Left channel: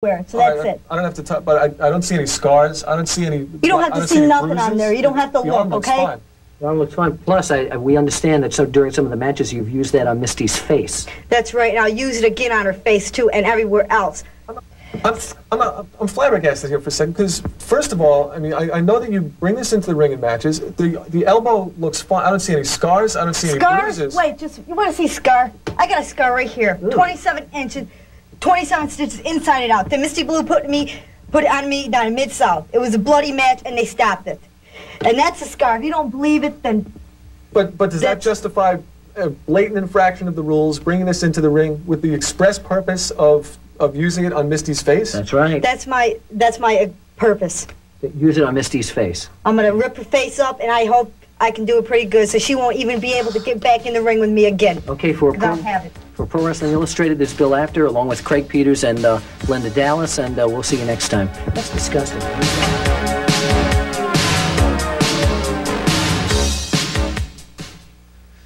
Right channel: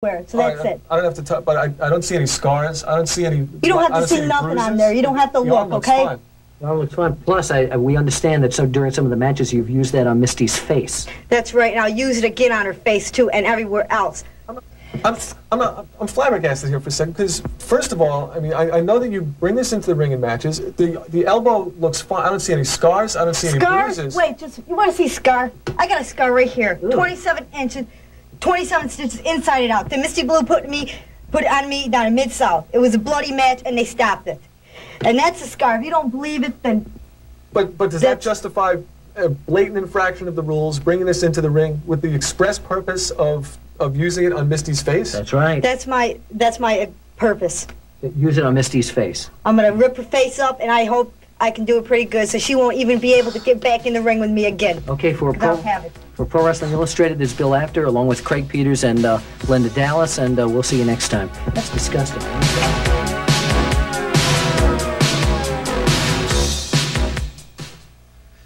Where? So that's it. I don't have to touch, but I don't see any scars. I don't see any. You don't have to see nothing on there. You don't have to look, okay? The arm looks fine. Plus, we understand that during some of the matches you've used that on Misty's face. That's right, and I'll use it again on her face too, and everywhere else. I'm flabbergasted here for a second because, first of all, I mean, I know that you bring this into the ring in matches. The elbow looks fine. I don't see any scars. I don't see any bruises. Wait, you want to see scar? I got a scar right here. Ooh. 27 inches, 27 stitches inside and out. The Misty Blue put it on me down in Mid-South. It was a bloody match, and they stopped it. And that's a scar. If you don't believe it, then... But does that justify a blatant infraction of the rules, bringing this into the ring with the express purpose of using it on Misty's face? That's right. That's my purpose. Use it on Misty's face. I'm going to rip her face up, and I hope I can do it pretty good so she won't even be able to get back in the ring with me again. Okay, for Pro Wrestling Illustrated, there's Bill After, along with Craig Peters and Linda Dallas, and we'll see you next time. That's disgusting.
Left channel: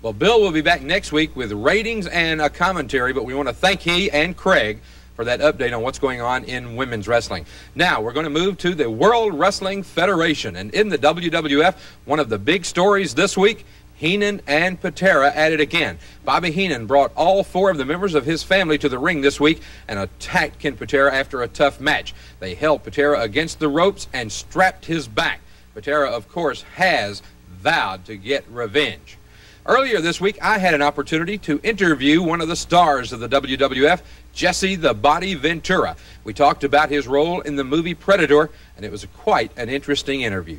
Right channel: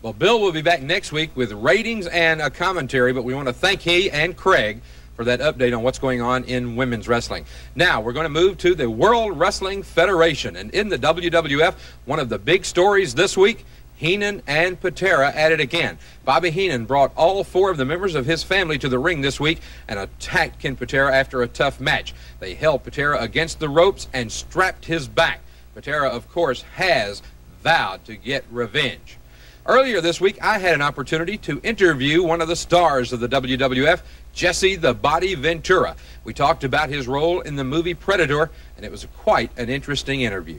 Well, Bill will be back next week with ratings and a commentary, but we want to thank he and Craig for that update on what's going on in women's wrestling. Now, we're going to move to the World Wrestling Federation. And in the WWF, one of the big stories this week, Heenan and Patera at it again. Bobby Heenan brought all 4 of the members of his family to the ring this week and attacked Ken Patera after a tough match. They held Patera against the ropes and strapped his back. Patera, of course, has vowed to get revenge. Earlier this week, I had an opportunity to interview one of the stars of the WWF, Jesse The Body Ventura. We talked about his role in the movie Predator, and it was quite an interesting interview.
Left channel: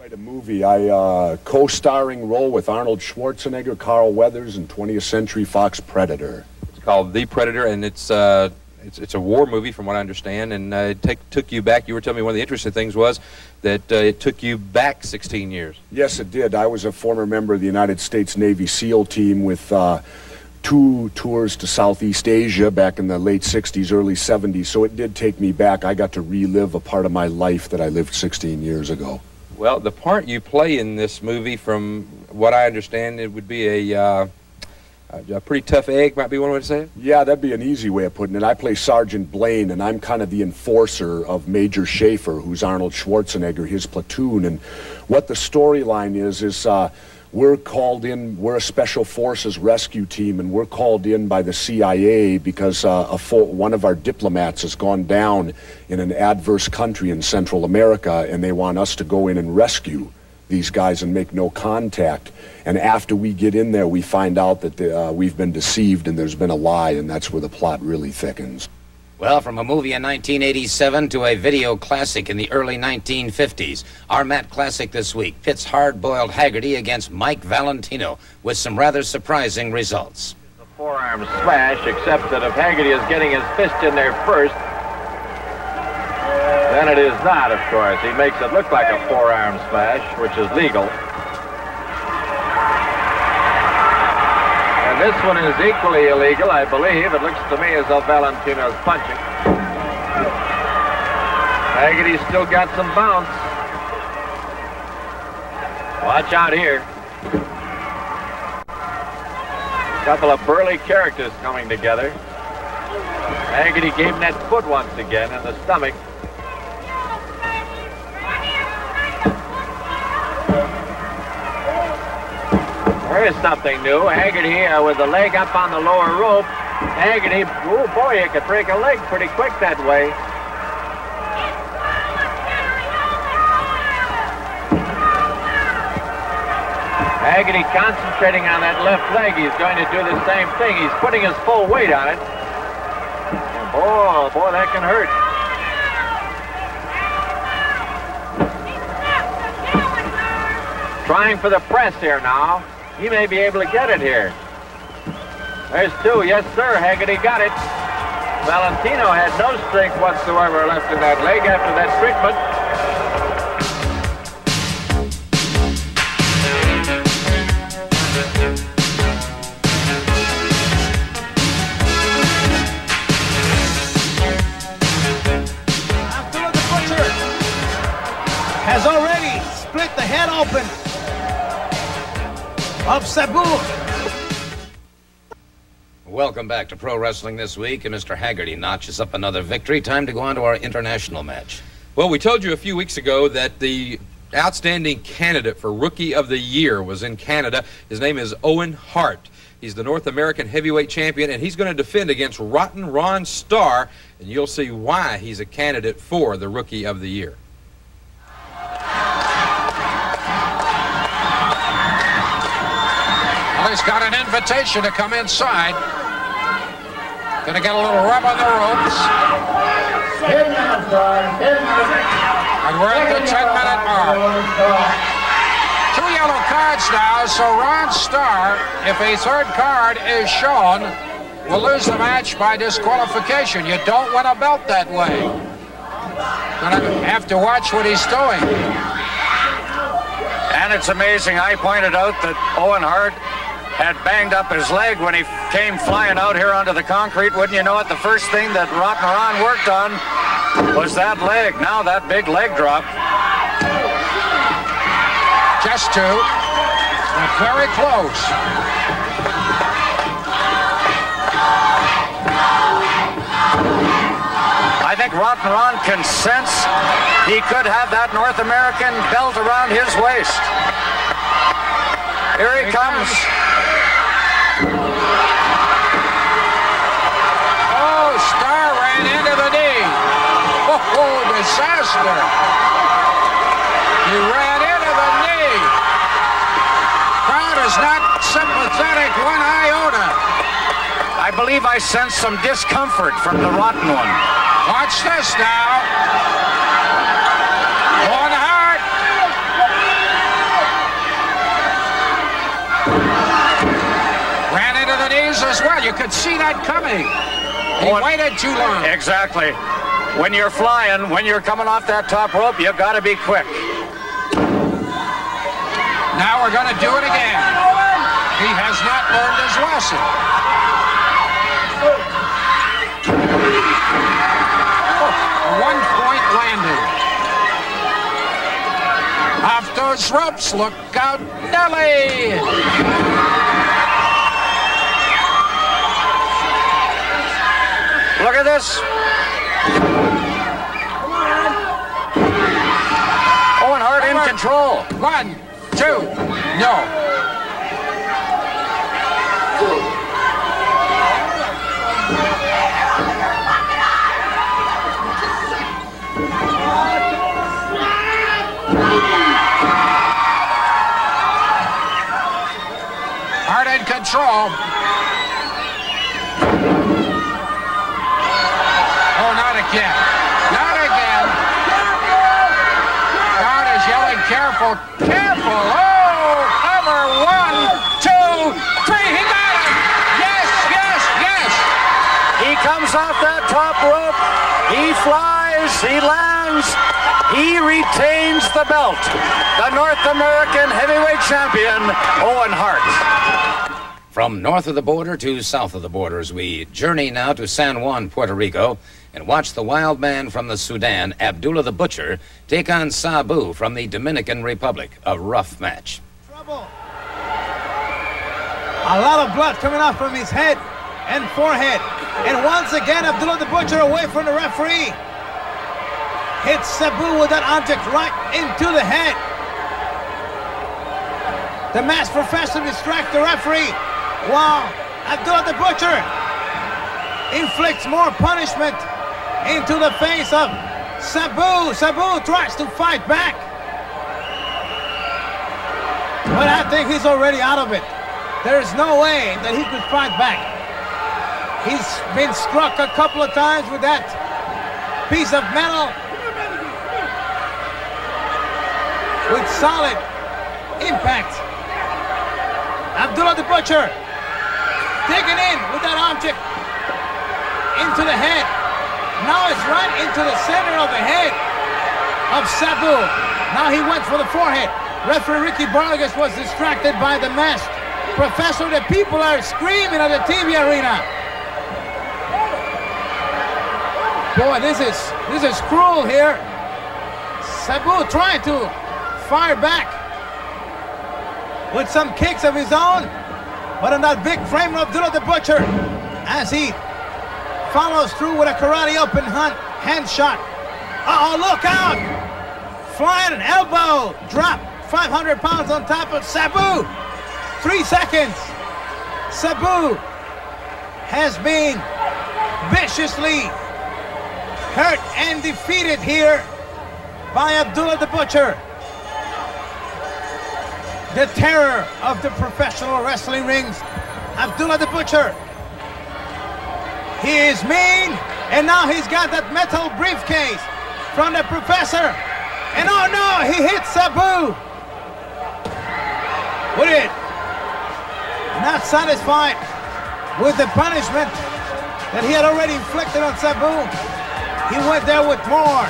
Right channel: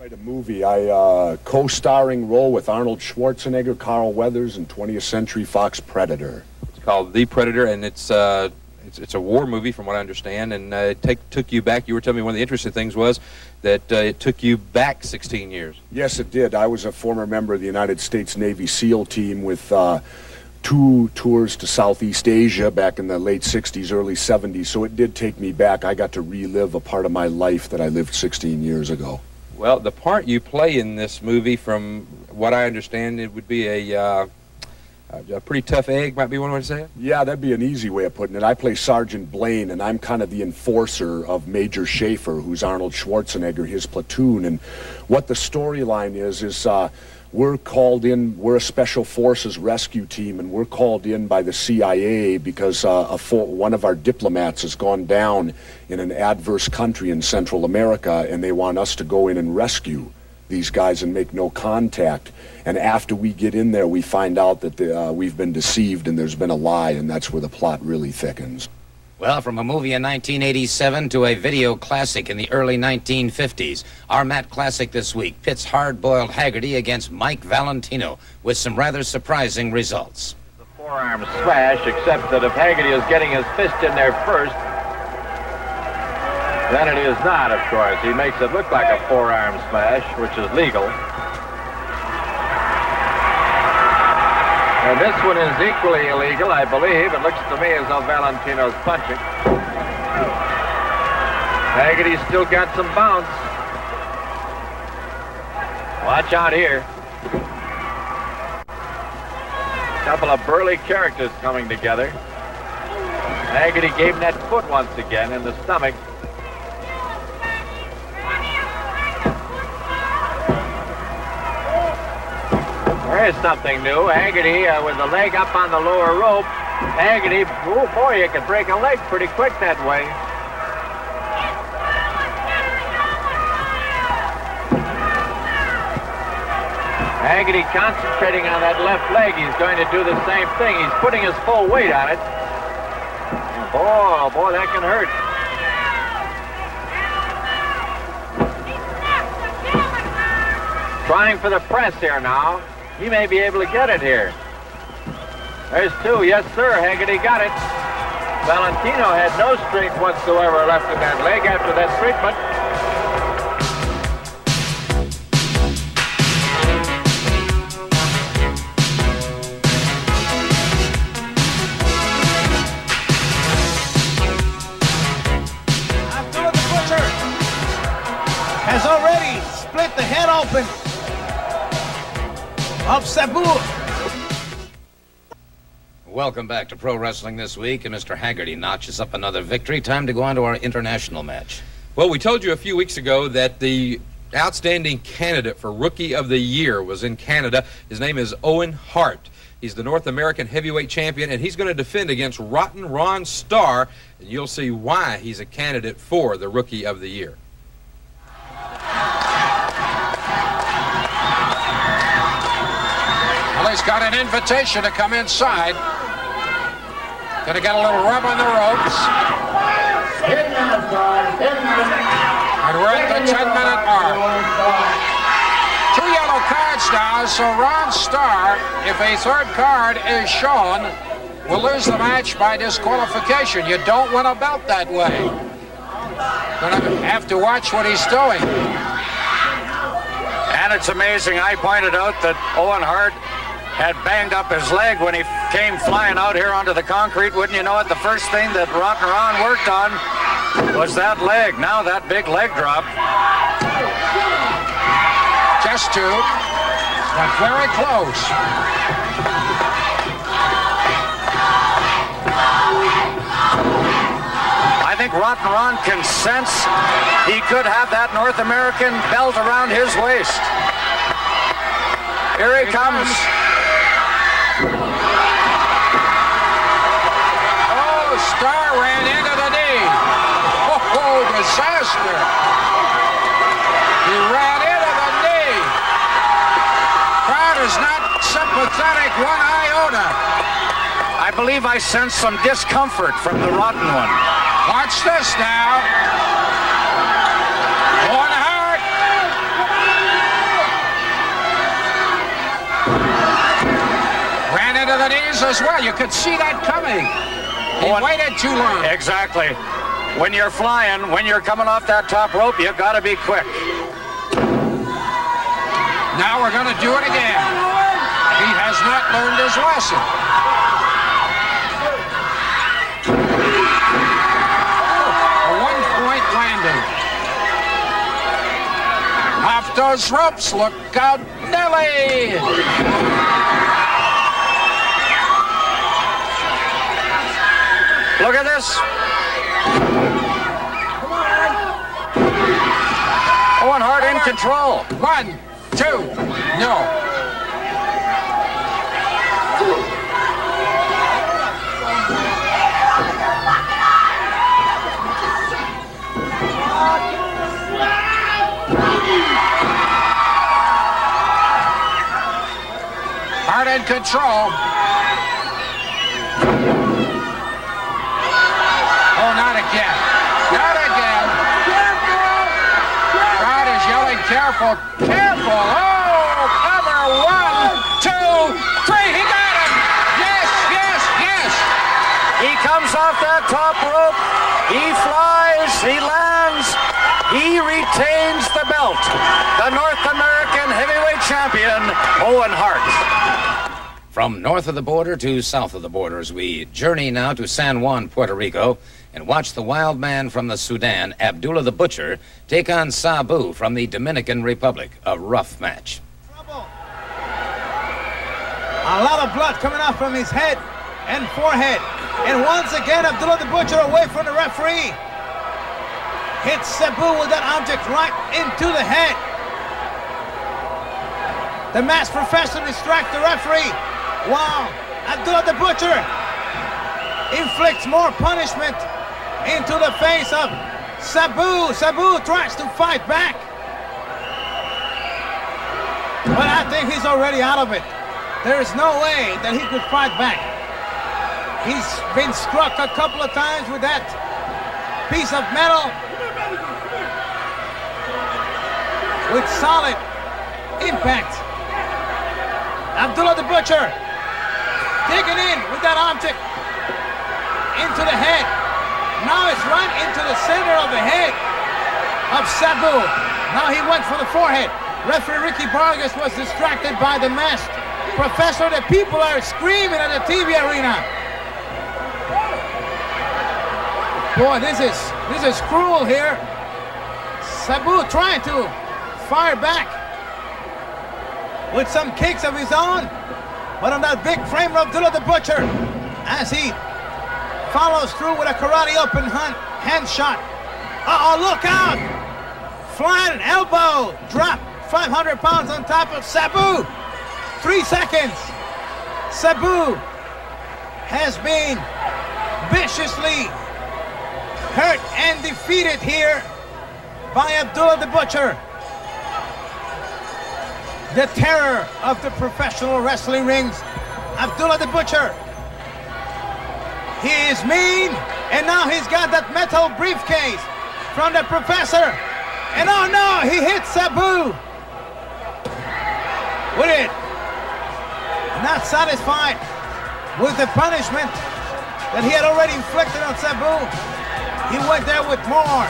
Write a movie. I co-starring role with Arnold Schwarzenegger, Carl Weathers, in 20th Century Fox Predator. It's called The Predator, and it's a war movie from what I understand, and it took you back. You were telling me one of the interesting things was that it took you back 16 years. Yes, it did. I was a former member of the United States Navy SEAL team with 2 tours to Southeast Asia back in the late 60s, early 70s, so it did take me back. I got to relive a part of my life that I lived 16 years ago. Well, the part you play in this movie, from what I understand, it would be a pretty tough egg, might be one way to say it? Yeah, that'd be an easy way of putting it. I play Sergeant Blaine, and I'm kind of the enforcer of Major Schaefer, who's Arnold Schwarzenegger, his platoon. And what the storyline is we're called in, we're a Special Forces rescue team, and we're called in by the CIA because one of our diplomats has gone down in an adverse country in Central America, and they want us to go in and rescue these guys and make no contact. And after we get in there, we find out that we've been deceived and there's been a lie, and that's where the plot really thickens. Well, from a movie in 1987 to a video classic in the early 1950s, our Matt Classic this week pits Hardboiled Haggerty against Mike Valentino with some rather surprising results. The forearm smash, except that if Haggerty is getting his fist in there first, then it is not, of course. He makes it look like a forearm smash, which is legal. And this one is equally illegal, I believe. It looks to me as though Valentino's punching. Haggerty's still got some bounce. Watch out here. A couple of burly characters coming together. Haggerty gave him that foot once again in the stomach. There's something new. Haggerty with the leg up on the lower rope. Haggerty, oh boy, you could break a leg pretty quick that way. Haggerty concentrating on that left leg. He's going to do the same thing. He's putting his full weight on it. And boy, that can hurt. Trying for the press here now. He may be able to get it here. There's 2. Yes, sir. Haggerty got it. Valentino had no strength whatsoever left in that leg after that treatment. Abdullah the Butcher has already split the head open of Sabu. Welcome back to Pro Wrestling This Week, and Mr. Haggerty notches up another victory. Time to go on to our international match. Well, we told you a few weeks ago that the outstanding candidate for Rookie of the Year was in Canada. His name is Owen Hart. He's the North American Heavyweight Champion, and he's going to defend against Rotten Ron Starr, and you'll see why he's a candidate for the Rookie of the Year. Well, he's got an invitation to come inside. Gonna get a little rub on the ropes. And we're at the 10-minute mark. 2 yellow cards now, so Ron Starr, if a third card is shown, will lose the match by disqualification. You don't win a belt that way. Gonna have to watch what he's doing. And it's amazing, I pointed out that Owen Hart had banged up his leg when he came flying out here onto the concrete. Wouldn't you know it, the first thing that Rotten Ron worked on was that leg. Now that big leg drop. Just two, but very close. I think Rotten Ron can sense he could have that North American belt around his waist. Here he comes. Starr ran into the knee. Oh, disaster. He ran into the knee. Crowd is not sympathetic one iota. I believe I sense some discomfort from the Rotten one. Watch this now. Owen Hart. Ran into the knees as well. You could see that coming. He waited too long. Exactly. When you're flying, when you're coming off that top rope, you got to be quick. Now we're going to do it again. He has not learned his lesson. A one-point landing. Off those ropes. Look out, Nelly. Look at this. Owen Hart in control. 1, 2, no. Hart in control. Oh, not again. Not again. Crowd is yelling, careful, careful. Oh, cover. 1, 2, 3. He got him. Yes, yes, yes. He comes off that top rope. He flies. He lands. He retains the belt. The North American Heavyweight Champion, Owen Hart. From north of the border to south of the border, as we journey now to San Juan, Puerto Rico, and watch the wild man from the Sudan, Abdullah the Butcher, take on Sabu from the Dominican Republic. A rough match. Trouble. A lot of blood coming off from his head and forehead. And once again, Abdullah the Butcher away from the referee. Hits Sabu with that object right into the head. The masked professor distracts the referee. Wow. Abdullah the Butcher inflicts more punishment into the face of Sabu. Sabu tries to fight back. But I think he's already out of it. There's no way that he could fight back. He's been struck a couple of times with that piece of metal with solid impact. Abdullah the Butcher digging in with that object into the head. Now it's right into the center of the head of Sabu. Now he went for the forehead. Referee Ricky Vargas was distracted by the masked professor. The people are screaming at the TV arena. Boy, this is cruel here. Sabu trying to fire back with some kicks of his own, but on that big frame of Abdullah the Butcher, as he follows through with a karate open hand shot. Uh-oh, look out! Flying elbow, drop, 500 pounds on top of Sabu. 3 seconds. Sabu has been viciously hurt and defeated here by Abdullah the Butcher. The terror of the professional wrestling rings, Abdullah the Butcher. He is mean, and now he's got that metal briefcase from the professor. And oh no, he hits Sabu with it. Not satisfied with the punishment that he had already inflicted on Sabu, he went there with more.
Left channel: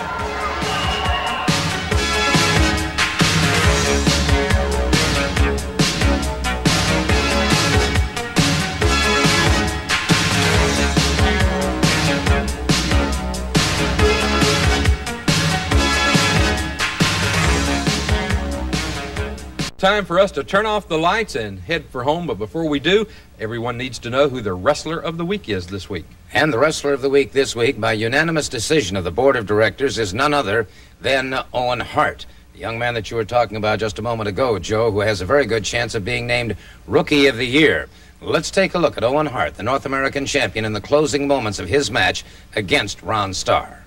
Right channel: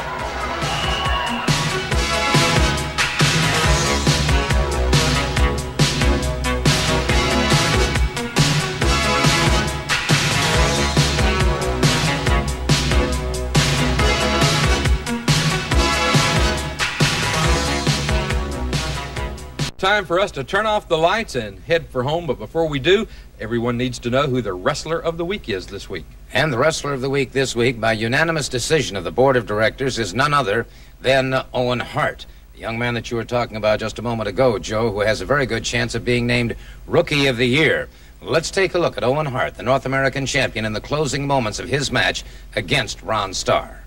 Time for us to turn off the lights and head for home, but before we do, everyone needs to know who the Wrestler of the Week is this week. And the Wrestler of the Week this week, by unanimous decision of the Board of Directors, is none other than Owen Hart, the young man that you were talking about just a moment ago, Joe, who has a very good chance of being named Rookie of the Year. Let's take a look at Owen Hart, the North American champion, in the closing moments of his match against Ron Starr.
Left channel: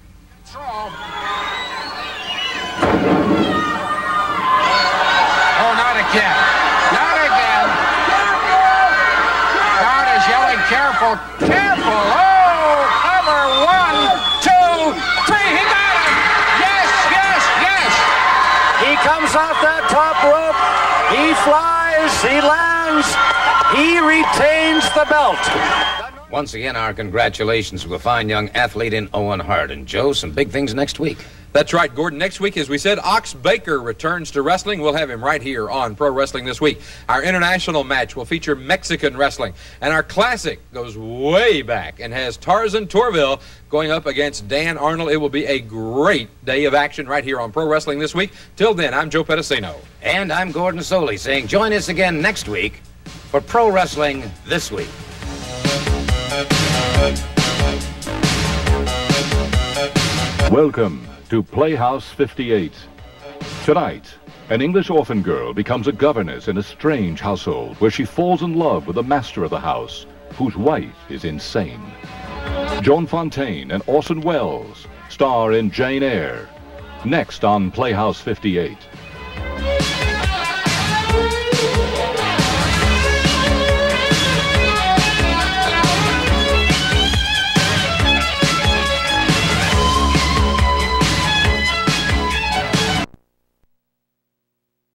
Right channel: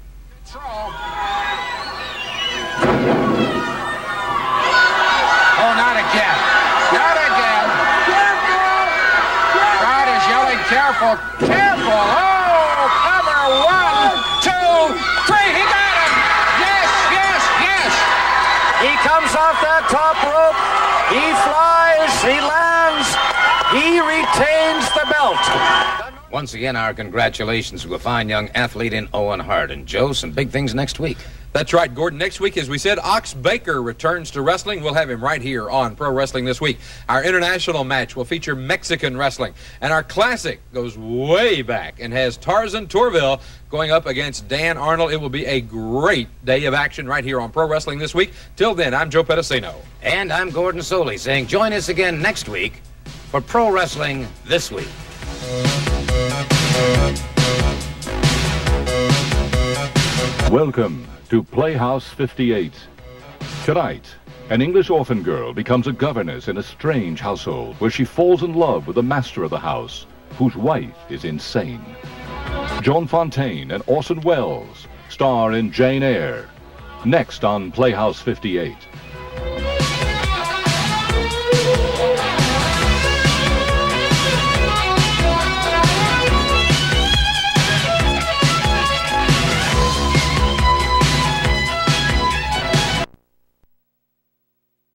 Oh, not again. Not again. Crowd is yelling, careful, careful. Oh, cover, 1, 2, 3. He got him. Yes, yes, yes. He comes off that top rope. He flies. He lands. He retains the belt. Once again, our congratulations to a fine young athlete in Owen Hart. And Joe, some big things next week. That's right, Gordon. Next week, as we said, Ox Baker returns to wrestling. We'll have him right here on Pro Wrestling This Week. Our international match will feature Mexican wrestling. And our classic goes way back and has Tarzan Torville going up against Dan Arnold. It will be a great day of action right here on Pro Wrestling This Week. Till then, I'm Joe Pedicino. And I'm Gordon Soley saying join us again next week for Pro Wrestling This Week. Welcome to Playhouse 58. Tonight, an English orphan girl becomes a governess in a strange household where she falls in love with the master of the house, whose wife is insane. Joan Fontaine and Orson Welles star in Jane Eyre. Next on Playhouse 58.